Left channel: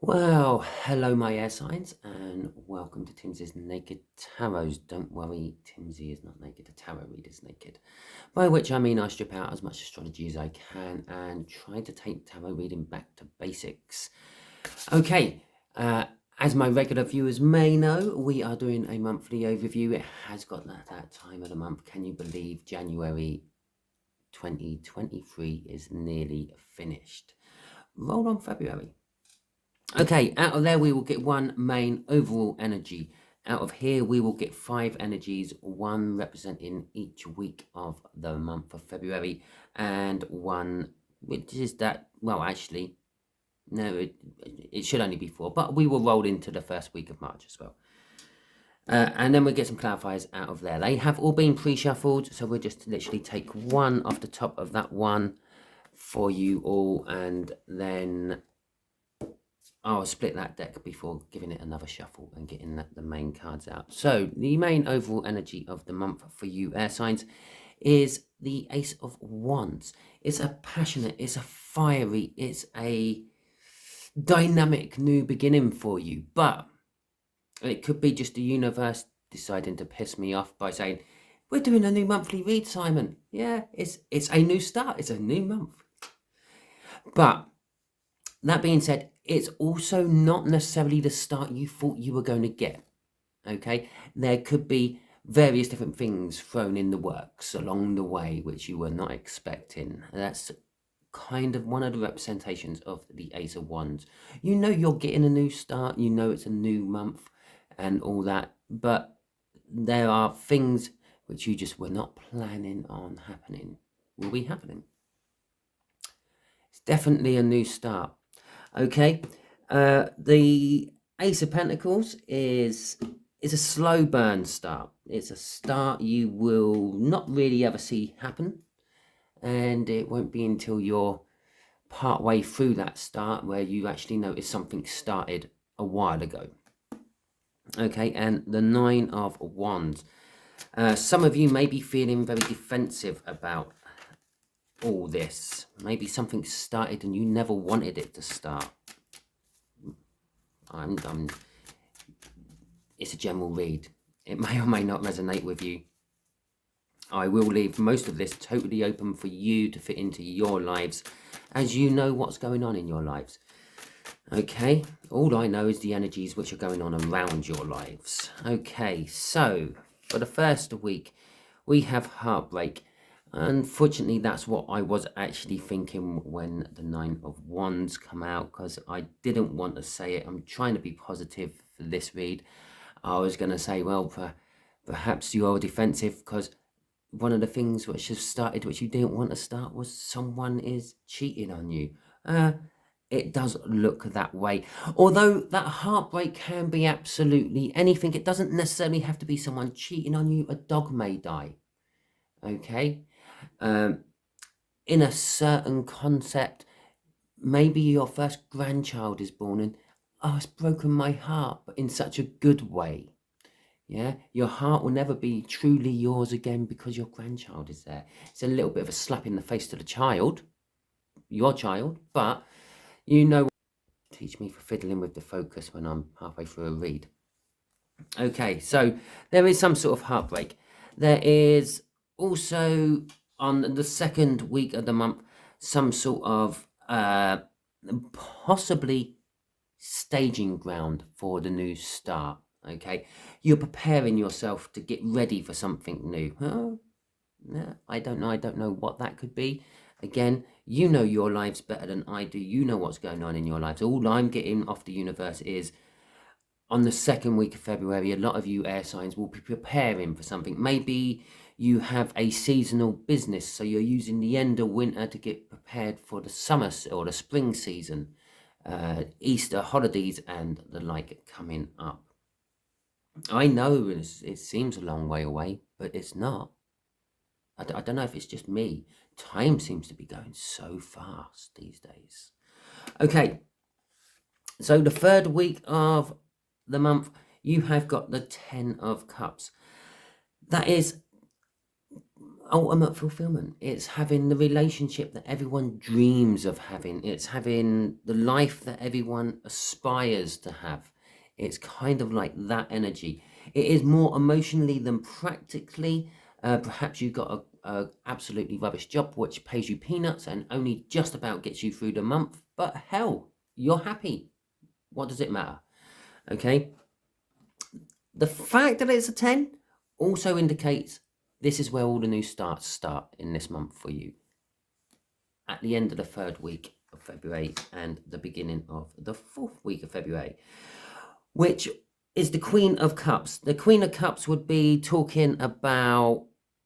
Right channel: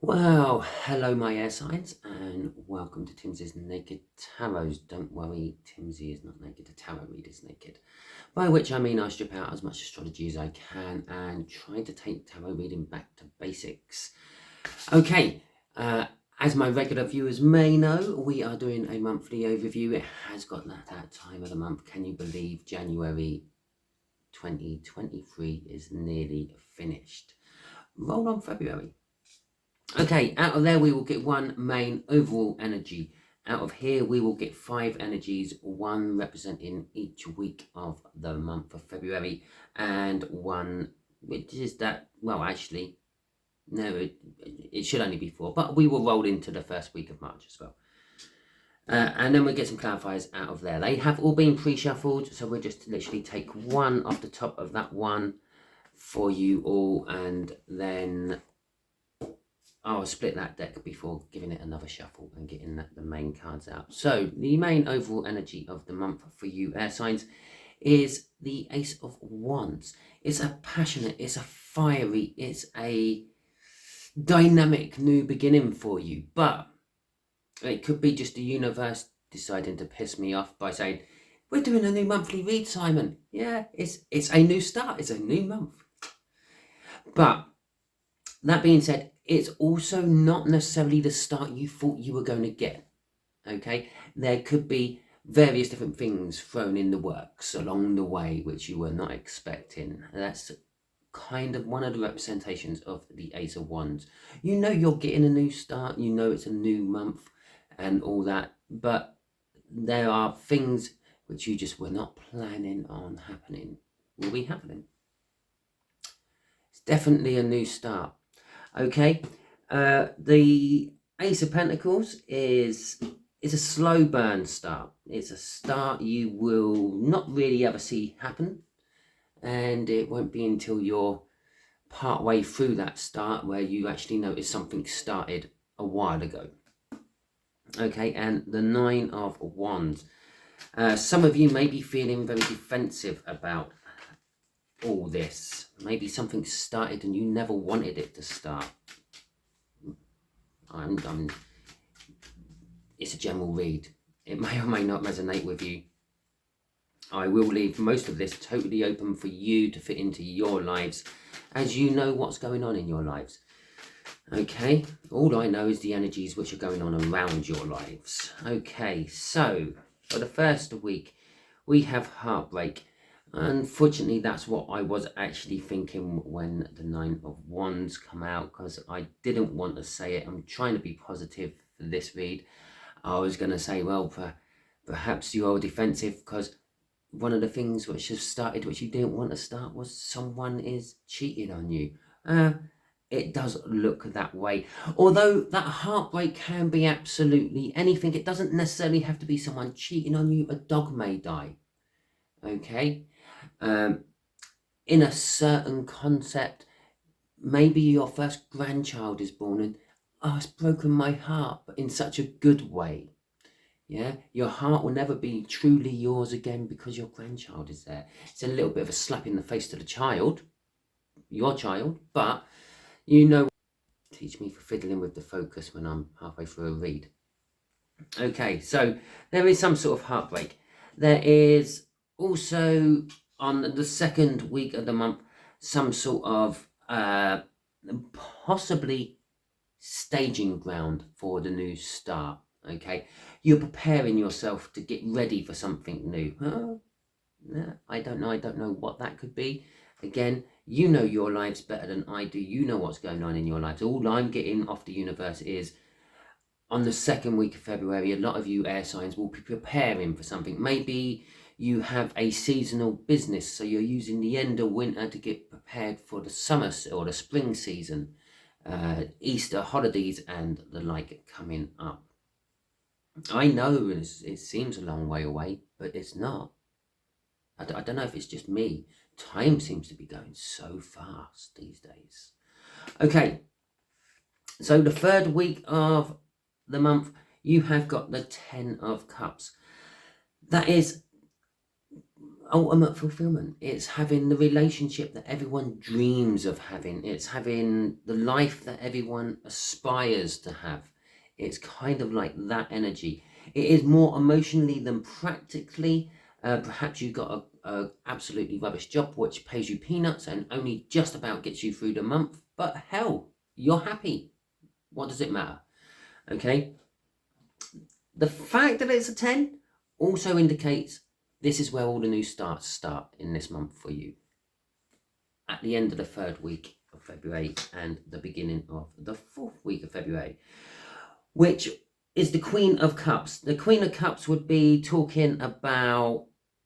Well, hello my air signs and welcome to Timsy's Naked Tarots. Don't worry, Timsy is not naked, the tarot reader's naked. By which I mean I strip out as much astrology as I can and try to take tarot reading back to basics. Okay, as my regular viewers may know, we are doing a monthly overview. It has got that time of the month. Can you believe January 2023 is nearly finished? Roll on February. Okay, out of there we will get one main overall energy. Out of here we will get 5 energies, one representing each week of the month of February, and one which is that, well actually, no, it should only be 4, but we will roll into the first week of March as well. And then we'll get some clarifiers out of there. They have all been pre-shuffled, so we'll just literally take one off the top of that one for you all, and then I'll split that deck before giving it another shuffle and getting the main cards out. So the main overall energy of the month for you air signs is the Ace of Wands. It's a passionate, it's a fiery, it's a dynamic new beginning for you. But it could be just the universe deciding to piss me off by saying, we're doing a new monthly read, Simon. Yeah, it's a new start. It's a new month. But that being said, it's also not necessarily the start you thought you were going to get. Okay, there could be various different things thrown in the works along the way which you were not expecting. That's kind of one of the representations of the Ace of Wands. You know you're getting a new start, you know it's a new month and all that, but there are things which you just were not planning on happening will be happening. It's definitely a new start. Okay, the Ace of Pentacles is a slow burn start. It's a start you will not really ever see happen, and it won't be until you're part way through that start where you actually notice something started a while ago. Okay, and the Nine of Wands. Some of you may be feeling very defensive about all this. Maybe something started and you never wanted it to start. It's a general read. It may or may not resonate with you. I will leave most of this totally open for you to fit into your lives as you know what's going on in your lives. Okay, all I know is the energies which are going on around your lives. Okay, so for the first week, we have heartbreak. Unfortunately, that's what I was actually thinking when the Nine of Wands come out, because I didn't want to say it. I'm trying to be positive for this read. I was going to say, well, perhaps you are defensive because one of the things which has started which you didn't want to start was someone is cheating on you. It does look that way. Although that heartbreak can be absolutely anything. It doesn't necessarily have to be someone cheating on you. A dog may die. Okay? In a certain concept, maybe your first grandchild is born and, oh, it's broken my heart, but in such a good way. Yeah, your heart will never be truly yours again because your grandchild is there. It's a little bit of a slap in the face to the child, your child, but you know, teach me for fiddling with the focus when I'm halfway through a read. Okay, so there is some sort of heartbreak. There is also on the second week of the month some sort of possibly staging ground for the new start. Okay, you're preparing yourself to get ready for something new. I don't know what that could be. Again, you know your lives better than I do. You know what's going on in your lives. All I'm getting off the universe is on the second week of February, a lot of you air signs will be preparing for something. Maybe you have a seasonal business, so you're using the end of winter to get prepared for the summer or the spring season, Easter holidays and the like coming up. I know it seems a long way away, but it's not. I don't know if it's just me. Time seems to be going so fast these days. Okay, so the third week of the month, you have got the 10 of Cups. That is ultimate fulfillment. It's having the relationship that everyone dreams of having. It's having the life that everyone aspires to have. It's kind of like that energy. It is more emotionally than practically. Perhaps you've got a absolutely rubbish job which pays you peanuts and only just about gets you through the month, but hell, you're happy. What does it matter? Okay. The fact that it's a 10 also indicates this is where all the new starts start in this month for you. At the end of the 3rd week of February and the beginning of the 4th week of February, which is the Queen of Cups. The Queen of Cups would be talking about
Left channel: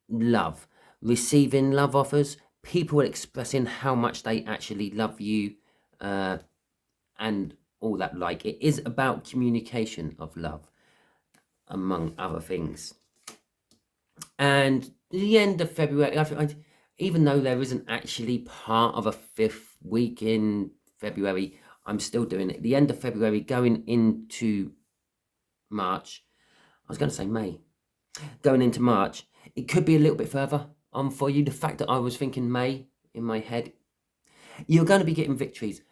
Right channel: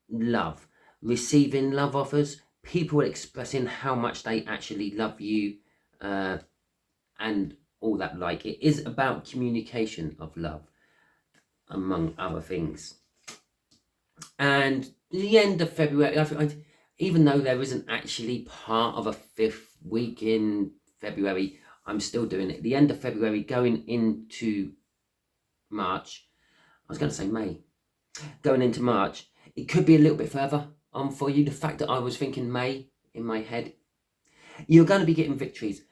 love, receiving love offers, people expressing how much they actually love you, and all that. Like, it is about communication of love, among other things. And the end of February, even though there isn't actually part of a 5th week in February, I'm still doing it. The end of February going into March, I was going to say May, going into March, it could be a little bit further on for you. The fact that I was thinking May in my head, you're going to be getting victories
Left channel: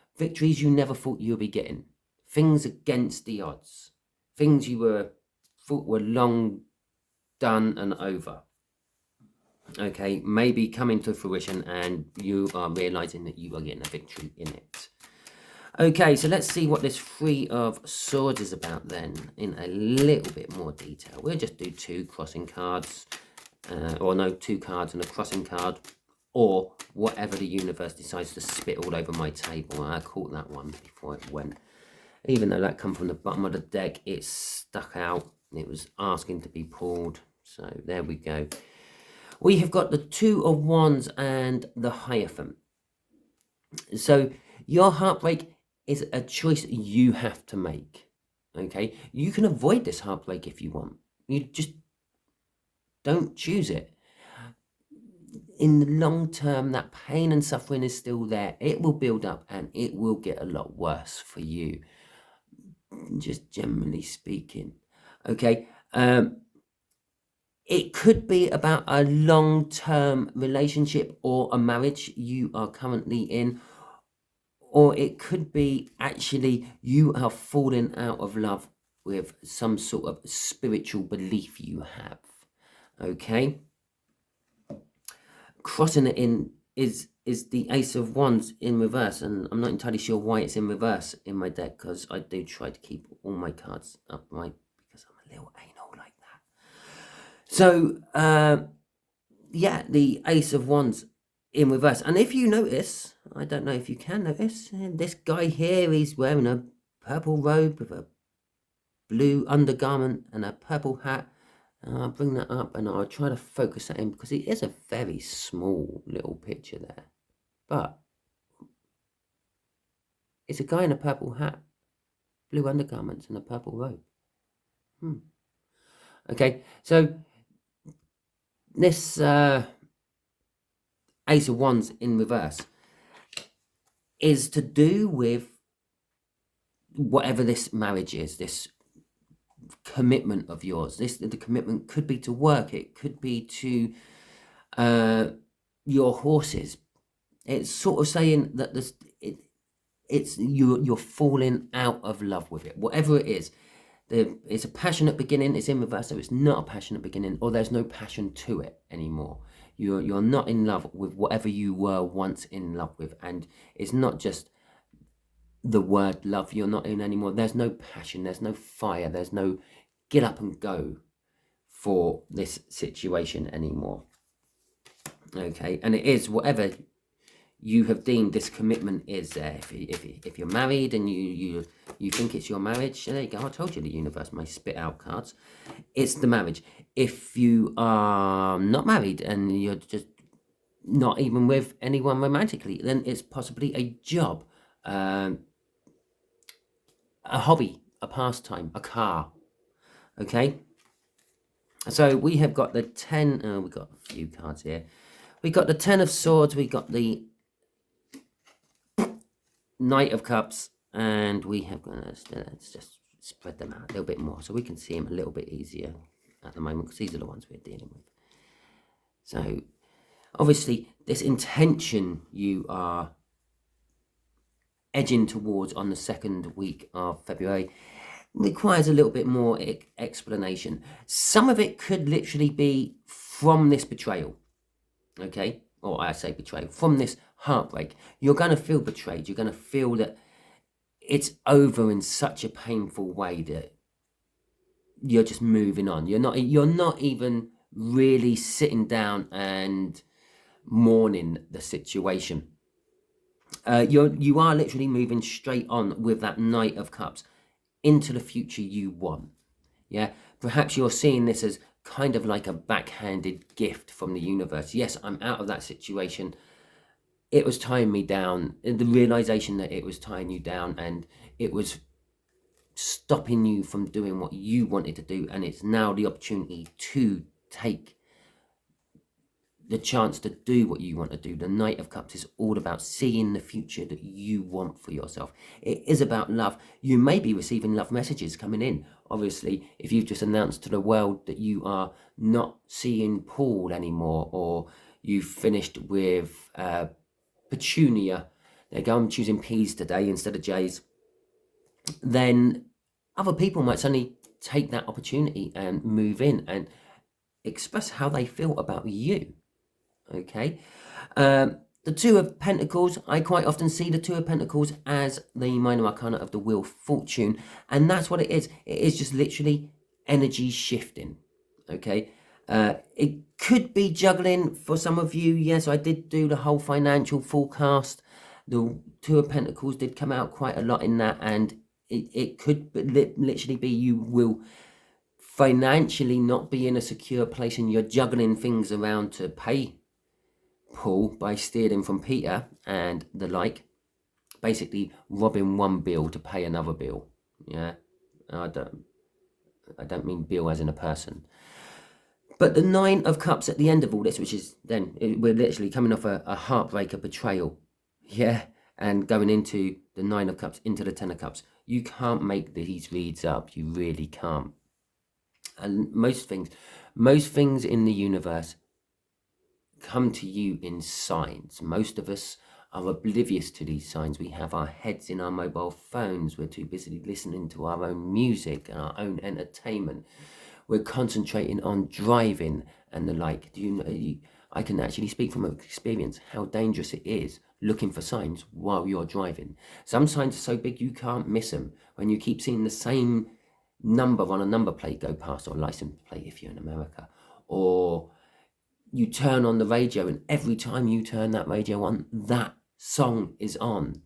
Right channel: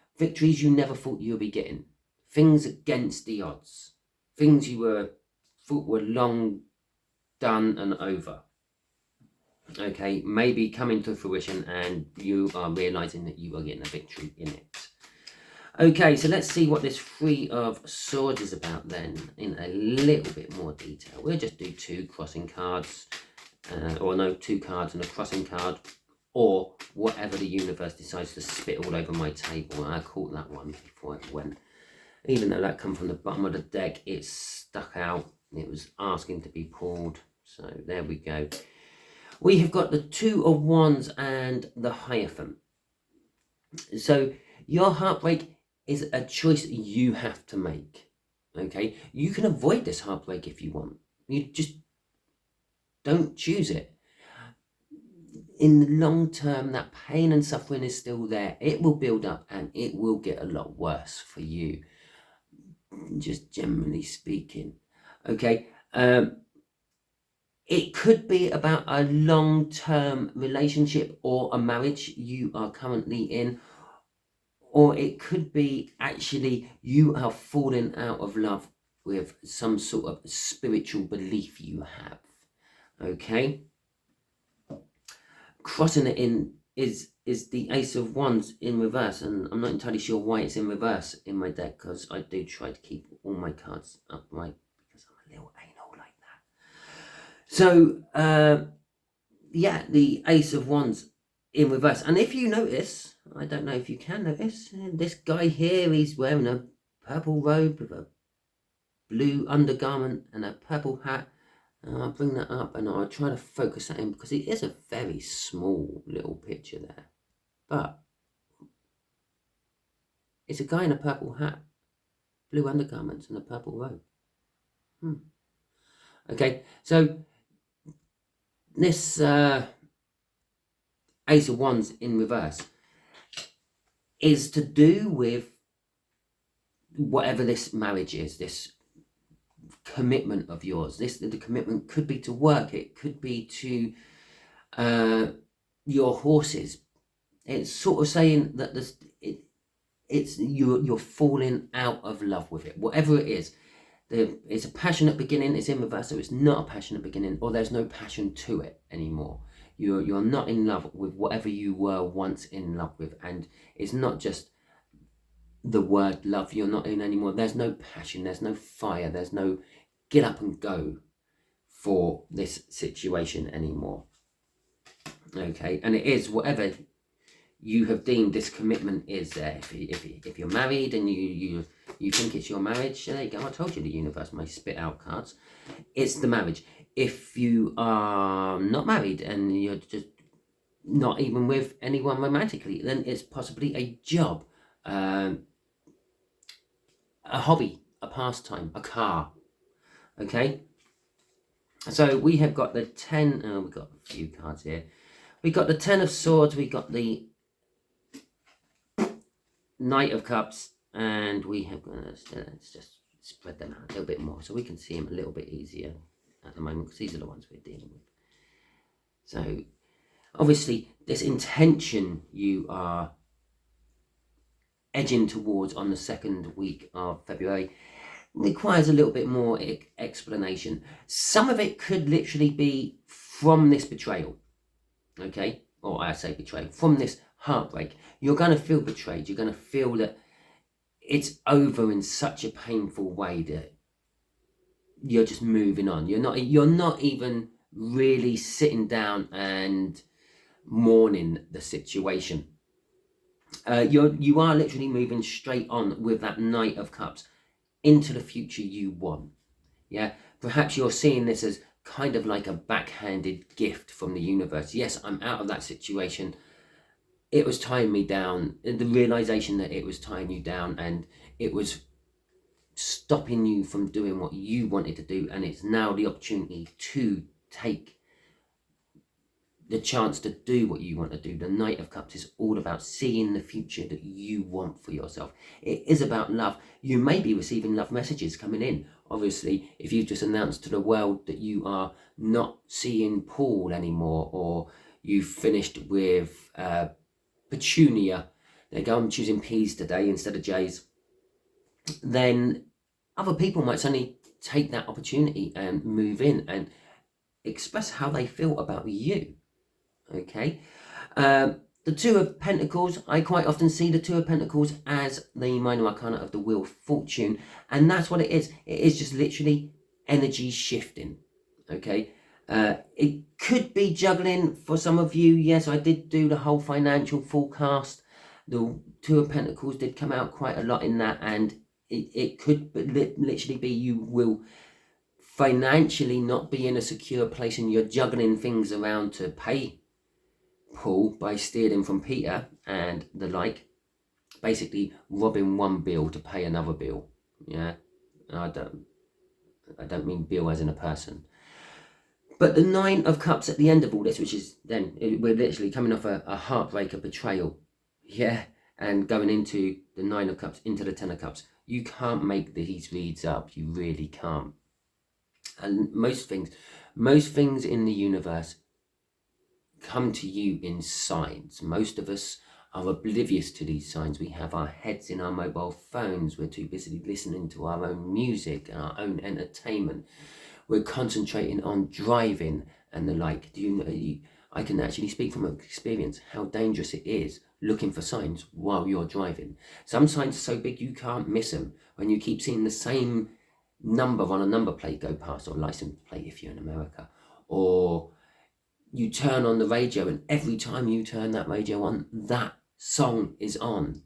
you never thought you would be getting, things against the odds, things you thought were long done and over, okay, maybe coming to fruition, and you are realizing that you are getting a victory in it. Okay, so let's see what this 3 of Swords is about then in a little bit more detail. We'll just do 2 crossing cards, or no, 2 cards and a crossing card, or whatever the universe decides to spit all over my table. I caught that one before it went. Even though that come from the bottom of the deck, it stuck out. It was asking to be pulled. So there we go. We have got the 2 of Wands and the Hierophant. So your heartbreak is a choice you have to make. Okay, you can avoid this heartbreak if you want. You just don't choose it. In the long term, that pain and suffering is still there. It will build up and it will get a lot worse for you, just generally speaking. Okay, it could be about a long-term relationship or a marriage you are currently in, or it could be actually you are falling out of love with some sort of spiritual belief you have. Okay, crossing it in is the Ace of Wands in reverse, and I'm not entirely sure why it's in reverse in my deck, because I do try to keep all my cards upright because I'm a little anal like that. So yeah, the Ace of Wands in reverse. And if you notice, I don't know if you can notice, this guy here, he's wearing a purple robe with a blue undergarment and a purple hat. And I'll bring that up and I'll try to focus that in, because it is a very small little picture there. But it's a guy in a purple hat, blue undergarments and a purple robe. Okay, so this Ace of Wands in reverse is to do with whatever this marriage is, this commitment of yours. The commitment could be to work, it could be to your horses. It's sort of saying that you're falling out of love with it, whatever it is. It's a passionate beginning, it's in reverse, so it's not a passionate beginning, or there's no passion to it anymore. You're not in love with whatever you were once in love with, and it's not just the word love you're not in anymore. There's no passion, there's no fire, there's no get up and go for this situation anymore. Okay, and it is whatever you have deemed this commitment is there. If you're married and you think it's your marriage, there you go. I told you the universe may spit out cards. It's the marriage. If you are not married and you're just not even with anyone romantically, then it's possibly a job, a hobby, a pastime, a car. Okay, so we have got the 10. We've got a few cards here. We got the 10 of Swords. We got the Knight of Cups, and we have let's just spread them out a little bit more so we can see them a little bit easier at the moment, because these are the ones we're dealing with. So Obviously, this intention you are edging towards on the second week of February requires a little bit more explanation. Some of it could literally be from this betrayal, okay? Or I say betrayal, from this heartbreak. You're going to feel betrayed. You're going to feel that it's over in such a painful way that you're just moving on. You're not even really sitting down and mourning the situation. You are literally moving straight on with that Knight of Cups into the future you want. Yeah, perhaps you're seeing this as kind of like a backhanded gift from the universe. Yes, I'm out of that situation. It was tying me down. The realization that it was tying you down and it was stopping you from doing what you wanted to do, and it's now the opportunity to take the chance to do what you want to do. The Knight of Cups is all about seeing the future that you want for yourself. It is about love. You may be receiving love messages coming in. Obviously, if you've just announced to the world that you are not seeing Paul anymore, or you've finished with Petunia, there you go, I'm choosing P's today instead of J's, then other people might suddenly take that opportunity and move in and express how they feel about you. Okay, the Two of Pentacles, I quite often see the Two of Pentacles as the minor arcana of the Wheel of Fortune, and that's what it is. It is just literally energy shifting. Okay, it could be juggling for some of you. Yes, I did do the whole financial forecast. The Two of Pentacles did come out quite a lot in that, and it could literally be you will financially not be in a secure place, and you're juggling things around to pay Paul by stealing from Peter and the like, basically robbing one bill to pay another bill. Yeah, I don't mean bill as in a person. But the Nine of Cups at the end of all this, which is then we're literally coming off a heartbreak, a betrayal, yeah, and going into the Nine of Cups, into the Ten of Cups. You can't make these reads up. You really can't. And most things in the universe come to you in signs. Most of us are oblivious to these signs. We have our heads in our mobile phones. We're too busy listening to our own music and our own entertainment. We're concentrating on driving and the like. Do you know? I can actually speak from experience how dangerous it is looking for signs while you're driving. Some signs are so big you can't miss them. When you keep seeing the same number on a number plate go past, or license plate if you're in America, or you turn on the radio and every time you turn that radio on, that song is on.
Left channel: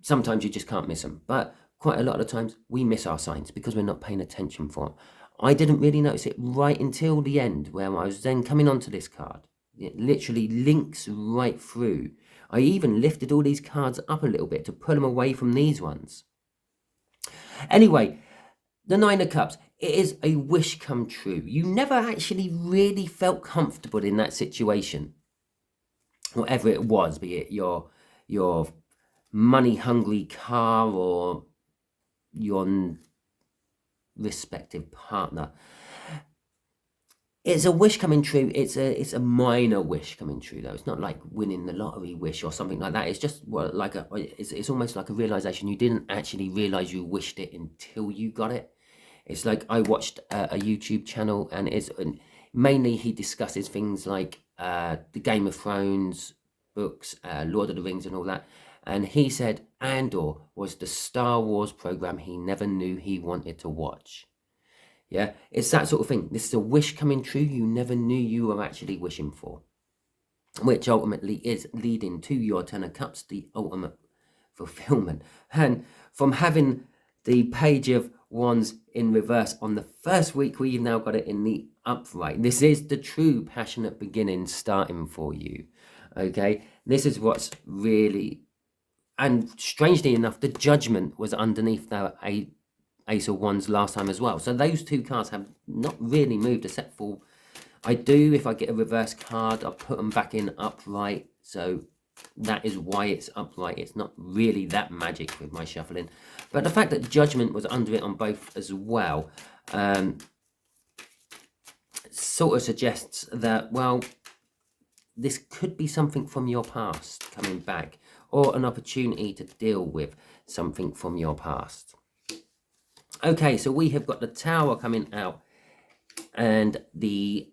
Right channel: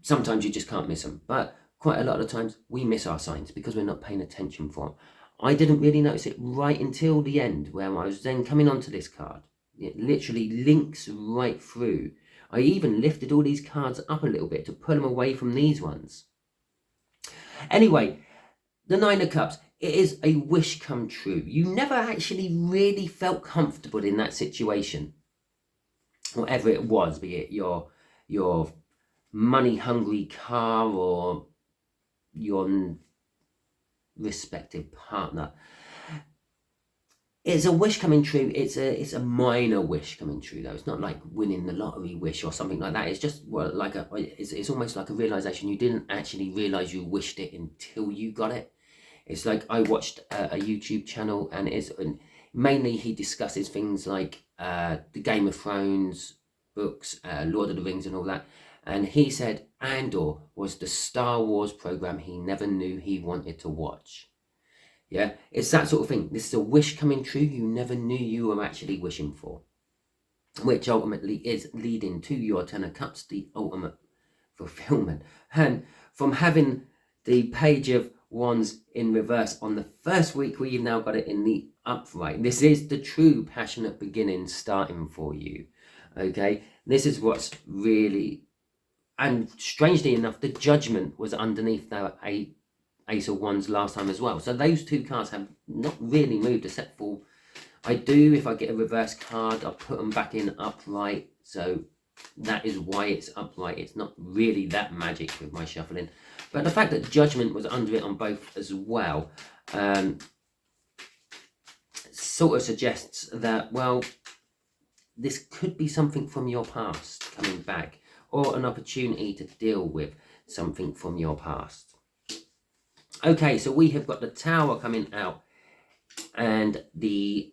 Sometimes you just can't miss them, but quite a lot of times we miss our signs because we're not paying attention for them. I didn't really notice it right until the end, where I was then coming onto this card. It literally links right through. I even lifted all these cards up a little bit to pull them away from these ones. Anyway, the Nine of Cups, it is a wish come true. You never actually really felt comfortable in that situation. Whatever it was, be it your money-hungry car or your respective partner. It's a wish coming true. It's a minor wish coming true, though. It's not like winning the lottery wish or something like that. It's just it's almost like a realization. You didn't actually realize you wished it until you got it. It's like I watched a YouTube channel, and mainly he discusses things like the Game of Thrones books, Lord of the Rings and all that. And he said Andor was the Star Wars program he never knew he wanted to watch. Yeah, it's that sort of thing. This is a wish coming true you never knew you were actually wishing for, which ultimately is leading to your Ten of Cups, the ultimate fulfillment. And from having the Page of Wands in reverse on the first week, we've now got it in the upright. This is the true passionate beginning starting for you. Okay, this is what's really, and strangely enough, the Judgment was underneath the Ace of Wands last time as well. So those two cards have not really moved, except for I do, if I get a reverse card, I'll put them back in upright. So that is why it's upright. It's not really that magic with my shuffling. But the fact that Judgment was under it on both as well sort of suggests that, well, this could be something from your past coming back, or an opportunity to deal with something from your past. Okay, so we have got the Tower coming out and the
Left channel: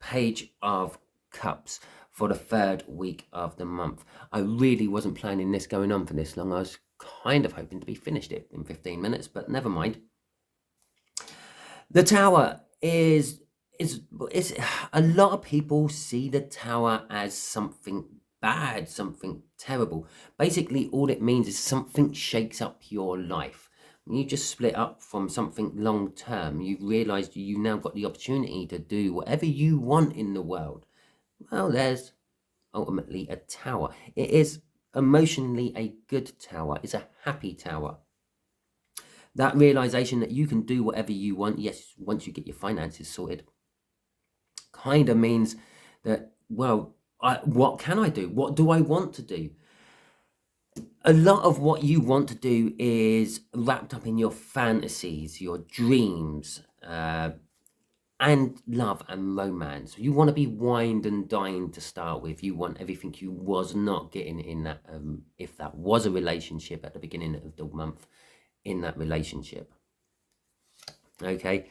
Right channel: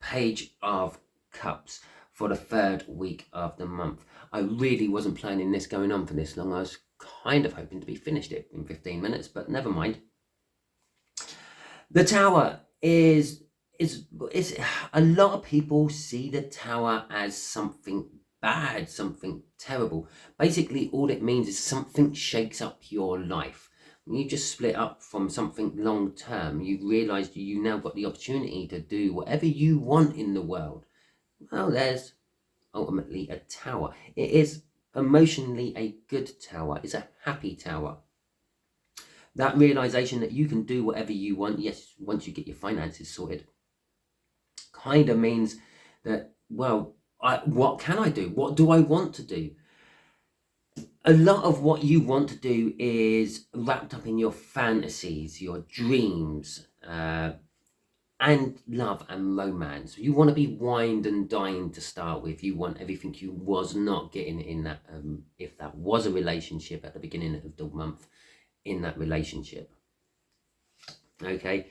Page of Cups for the 3rd week of the month. I really wasn't planning this going on for this long. I was kind of hoping to be finished it in 15 minutes, but never mind. The Tower is a lot of people see the Tower as something bad, something terrible. Basically, all it means is something shakes up your life. You just split up from something long term. You've realized you now got the opportunity to do whatever you want in the world. Well, there's ultimately a Tower. It is emotionally a good Tower. It's a happy Tower. That realization that you can do whatever you want, yes, once you get your finances sorted, kind of means that, well, what can I do? What do I want to do? A lot of what you want to do is wrapped up in your fantasies, your dreams, and love and romance. You want to be wined and dined to start with. You want everything you was not getting in that, if that was a relationship at the beginning of the month, in that relationship. Okay.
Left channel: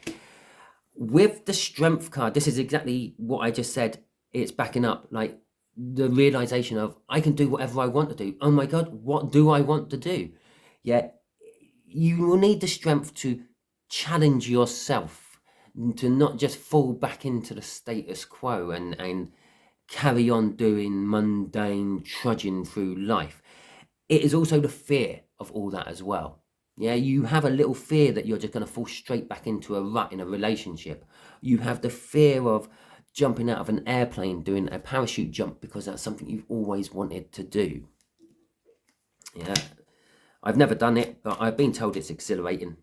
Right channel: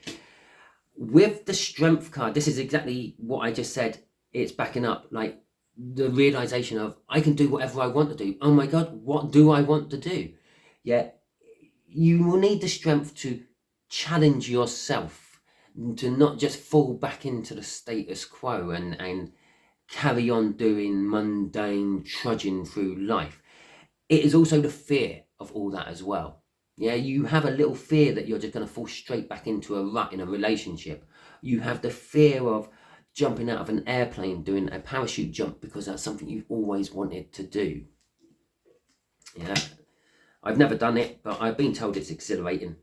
With the Strength card, this is exactly what I just said. It's backing up, like the realization of, I can do whatever I want to do. Oh my God, what do I want to do? Yeah, you will need the strength to challenge yourself, to not just fall back into the status quo and carry on doing mundane trudging through life. It is also the fear of all that as well. Yeah, you have a little fear that you're just going to fall straight back into a rut in a relationship. You have the fear of jumping out of an airplane, doing a parachute jump, because that's something you've always wanted to do. Yeah, I've never done it, but I've been told it's exhilarating.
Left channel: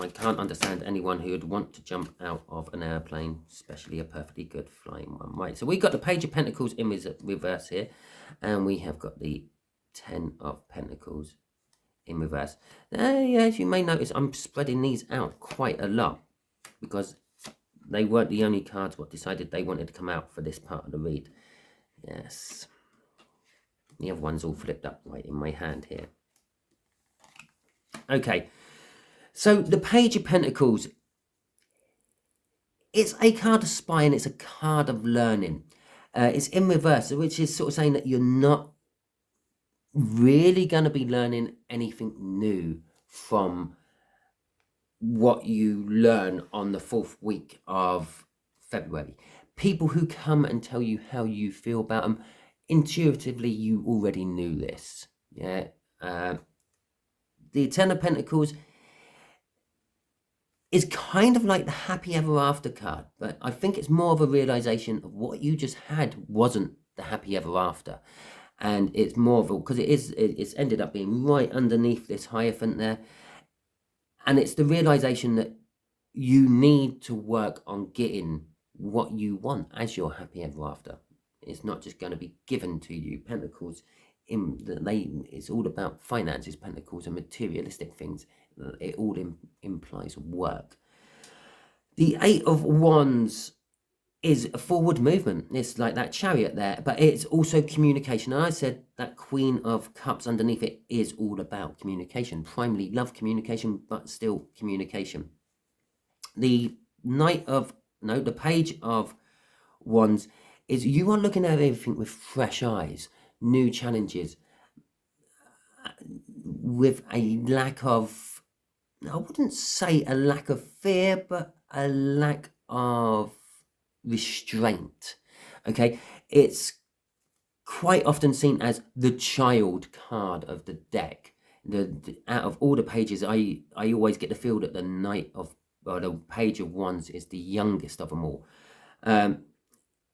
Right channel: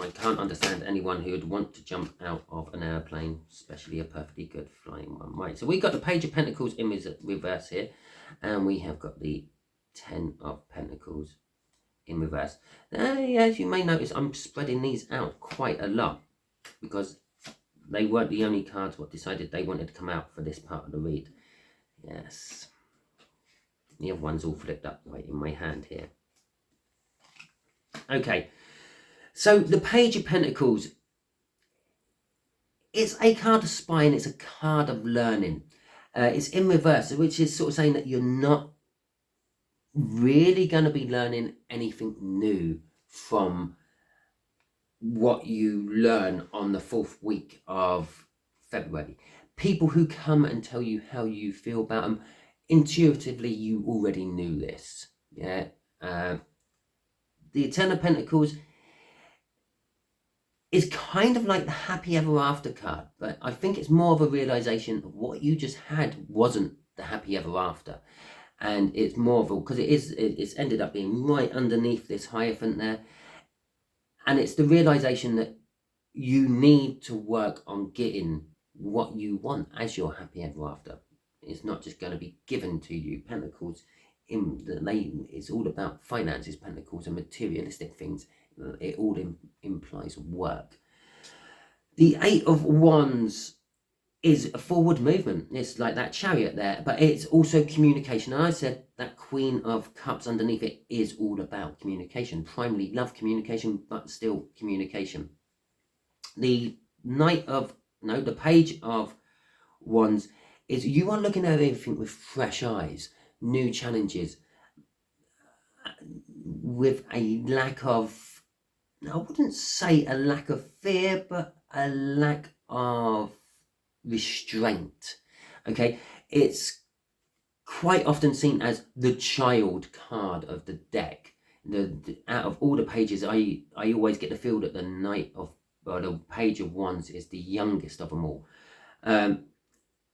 I can't understand anyone who would want to jump out of an airplane, especially a perfectly good flying one. Right, so we've got the Page of Pentacles in reverse here, and we have got the 10 of Pentacles in reverse. As you may notice, I'm spreading these out quite a lot because they weren't the only cards what decided they wanted to come out for this part of the read. Yes. The other one's all flipped up right in my hand here. Okay. So the Page of Pentacles, it's a card of spying, it's a card of learning. It's in reverse, which is sort of saying that you're not really going to be learning anything new from what you learn on the 4th week of February. People who come and tell you how you feel about them, intuitively you already knew this. Yeah. The 10 of Pentacles is kind of like the happy ever after card, but I think it's more of a realization of what you just had wasn't the happy ever after. And it's more of a, because it's ended up being right underneath this Hierophant there. And it's the realization that you need to work on getting what you want as your happy ever after. It's not just going to be given to you. Pentacles, it's all about finances, Pentacles, and materialistic things. It all implies work. The 8 of Wands is a forward movement. It's like that Chariot there, but it's also communication. And I said that Queen of Cups underneath it is all about communication. Primarily love, communication, but still communication. The the Page of Wands is you are looking at everything with fresh eyes, new challenges, with a lack of, I wouldn't say a lack of fear, but a lack of restraint. Okay, it's quite often seen as the child card of the deck. Out of all the pages, I always get the feel that the Page of Wands is the youngest of them all, and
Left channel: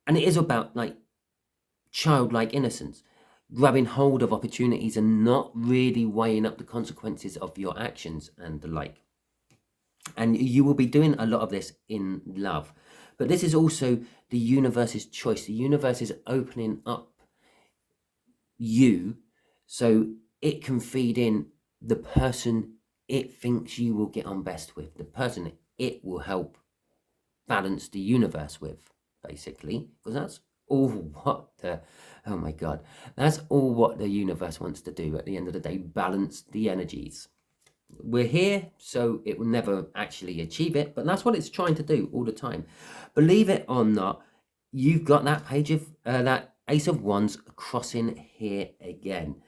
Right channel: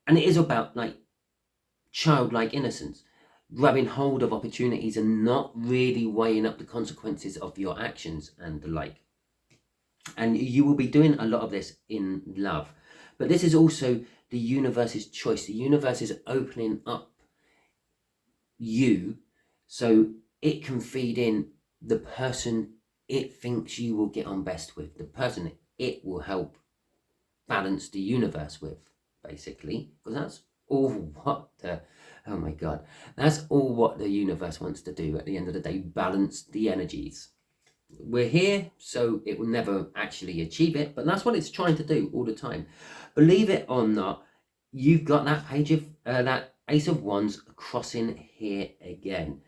it is about like childlike innocence, grabbing hold of opportunities and not really weighing up the consequences of your actions and the like. And you will be doing a lot of this in love, but this is also the universe's choice. The universe is opening up you so it can feed in the person it thinks you will get on best with, the person it will help balance the universe with, basically, because that's all what the, oh my God, that's all what the universe wants to do at the end of the day, balance the energies. We're here, so it will never actually achieve it, but that's what it's trying to do all the time. Believe it or not, you've got that page of, that Ace of Wands crossing here again.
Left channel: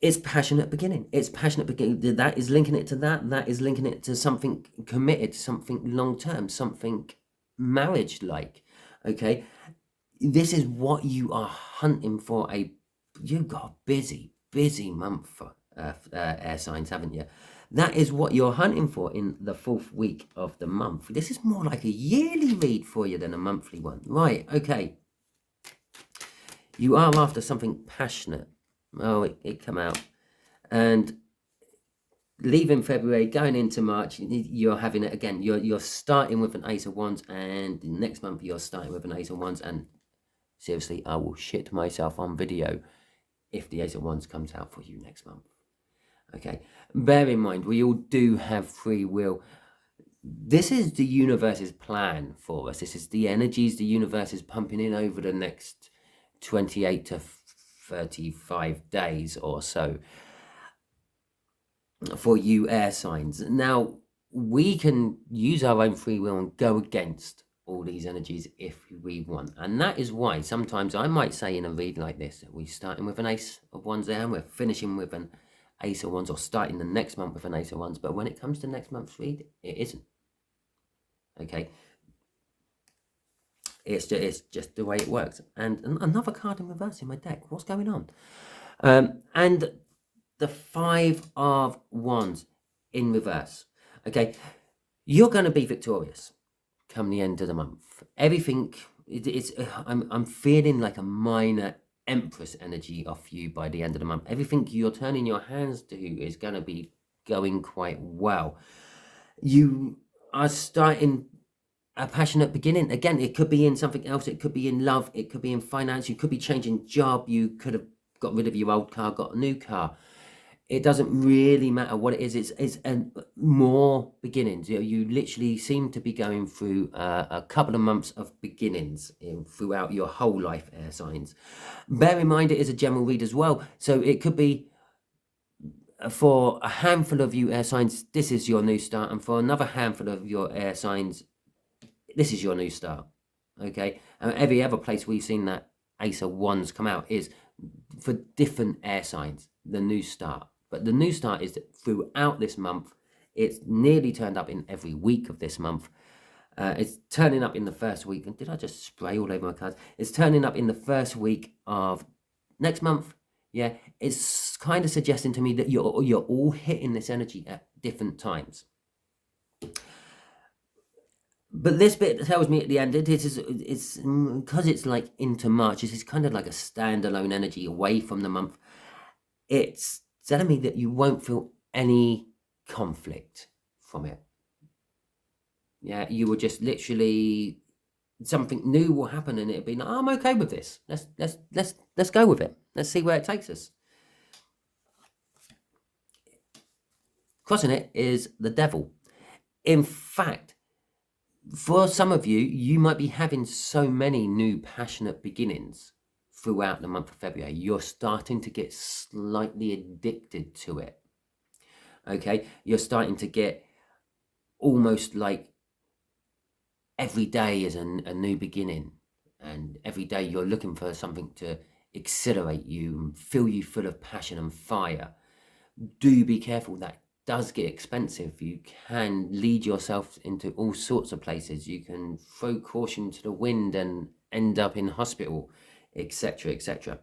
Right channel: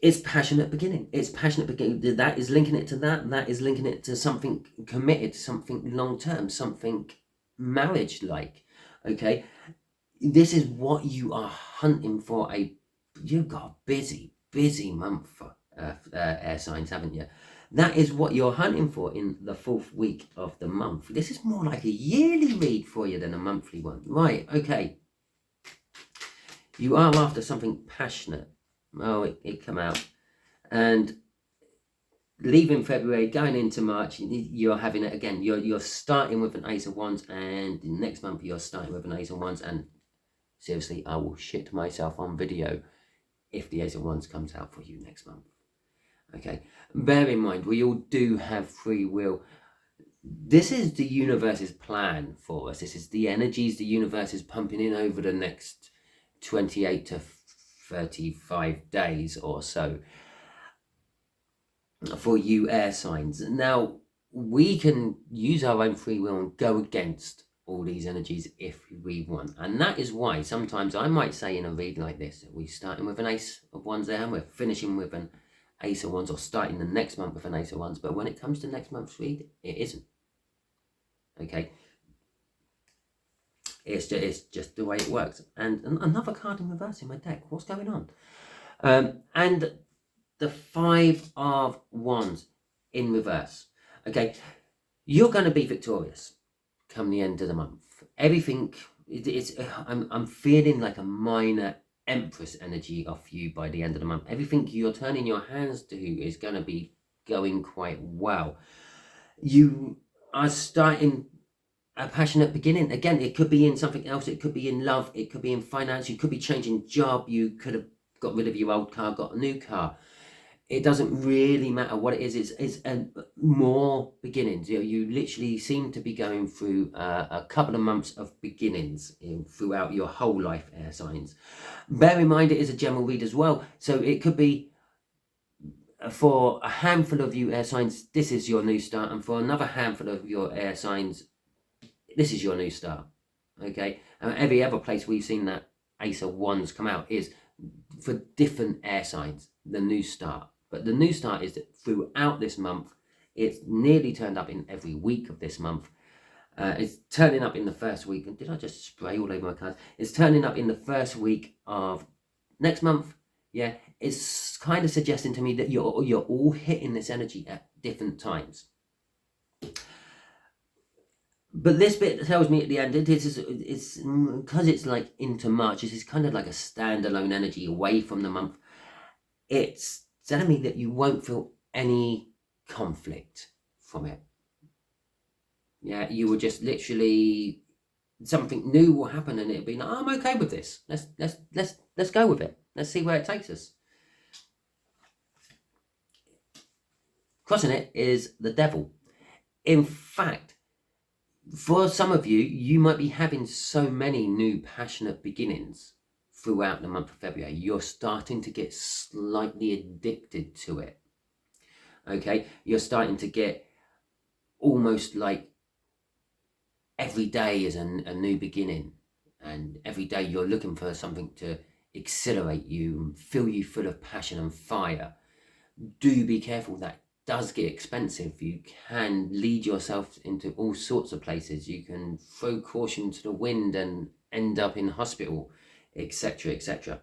It's passionate beginning. It's passionate beginning. That is linking it to that. That is linking it to something committed, something long-term, something marriage-like. Okay, this is what you are hunting for. You've got a busy month for air signs, haven't you? That is what you're hunting for in the 4th week of the month. This is more like a yearly read for you than a monthly one. Right, okay. You are after something passionate. Oh, it come out. And leaving February, going into March, you're having it again. You're starting with an Ace of Wands, and next month you're starting with an Ace of Wands. And seriously, I will shit myself on video if the Ace of Wands comes out for you next month. Okay, bear in mind, we all do have free will. This is the universe's plan for us. This is the energies the universe is pumping in over the next 28 to 35 days or so for you air signs. Now, we can use our own free will and go against all these energies if we want. And that is why sometimes I might say in a read like this, we're starting with an Ace of Wands there, and we're finishing with an Ace of Wands, or starting the next month with an Ace of Wands. But when it comes to next month's read, it isn't. Okay, it's just the way it works. And another card in reverse in my deck. What's going on? And the 5 of Wands in reverse. Okay, you're going to be victorious come the end of the month. Everything, I'm feeling like a minor Empress energy off you by the end of the month. Everything you're turning your hands to is going to be going quite well. You are starting a passionate beginning. Again, it could be in something else. It could be in love. It could be in finance. You could be changing job. You could have got rid of your old car, got a new car. It doesn't really matter what it is. It's more beginnings. You literally seem to be going through a couple of months of beginnings throughout your whole life, air signs. Bear in mind, it is a general read as well. So it could be, for a handful of you air signs, this is your new start. And for another handful of your air signs, this is your new start. Okay? And every other place we've seen that Ace of Wands come out is for different air signs, the new start. But the new start is that throughout this month, it's nearly turned up in every week of this month. It's turning up in the first week. And did I just spray all over my cards? It's turning up in the first week of next month. Yeah, it's kind of suggesting to me that you're all hitting this energy at different times. But this bit tells me at the end, it's because it's like into March, this is kind of like a standalone energy away from the month. It's telling me that you won't feel any conflict from it. Yeah, you will just literally, something new will happen, and it'll be like, oh, I'm okay with this. Let's go with it. Let's see where it takes us. Crossing it is the devil. In fact, for some of you, you might be having so many new passionate beginnings throughout the month of February. You're starting to get slightly addicted to it. Okay, you're starting to get almost like every day is a new beginning, and every day you're looking for something to accelerate you and fill you full of passion and fire. Do be careful, that does get expensive. You can lead yourself into all sorts of places. You can throw caution to the wind and end up in hospital, etc., etc.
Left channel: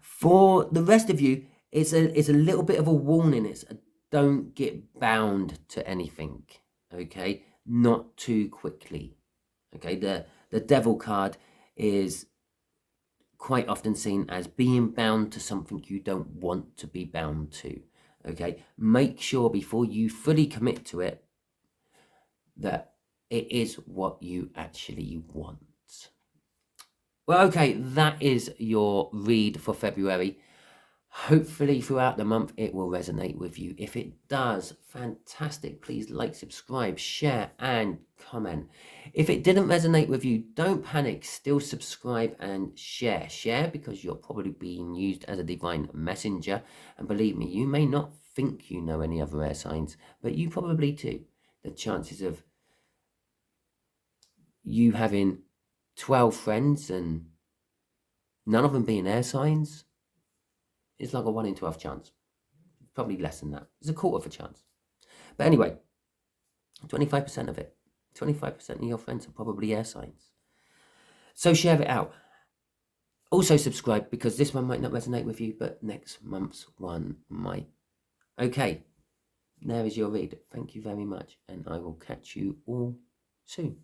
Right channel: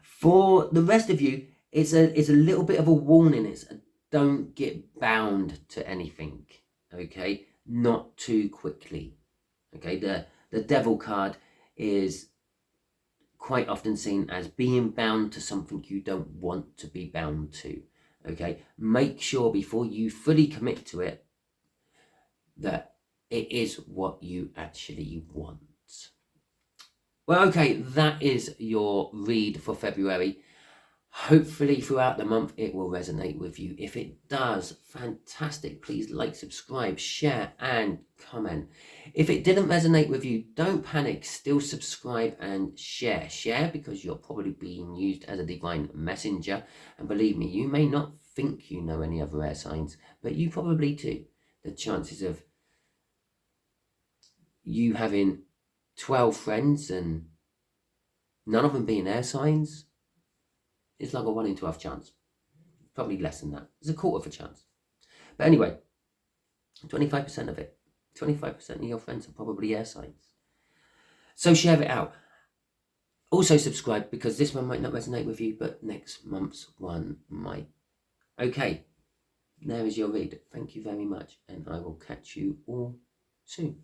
For the rest of you, it's a little bit of a warning. It's don't get bound to anything. Okay, not too quickly. Okay, the devil card is quite often seen as being bound to something you don't want to be bound to. Okay, make sure before you fully commit to it that it is what you actually want. Well, okay, that is your read for February. Hopefully throughout the month it will resonate with you. If it does, fantastic. Please like, subscribe, share and comment. If it didn't resonate with you, don't panic. Still subscribe and share. Share because you're probably being used as a divine messenger. And believe me, you may not think you know any other air signs, but you probably do. The chances of you having 12 friends and none of them being air signs, it's like a 1 in 12 chance. Probably less than that. It's a quarter of a chance. But anyway, 25% of it. 25% of your friends are probably air signs. So share it out. Also subscribe because this one might not resonate with you, but next month's one might. Okay, there is your read. Thank you very much, and I will catch you all soon.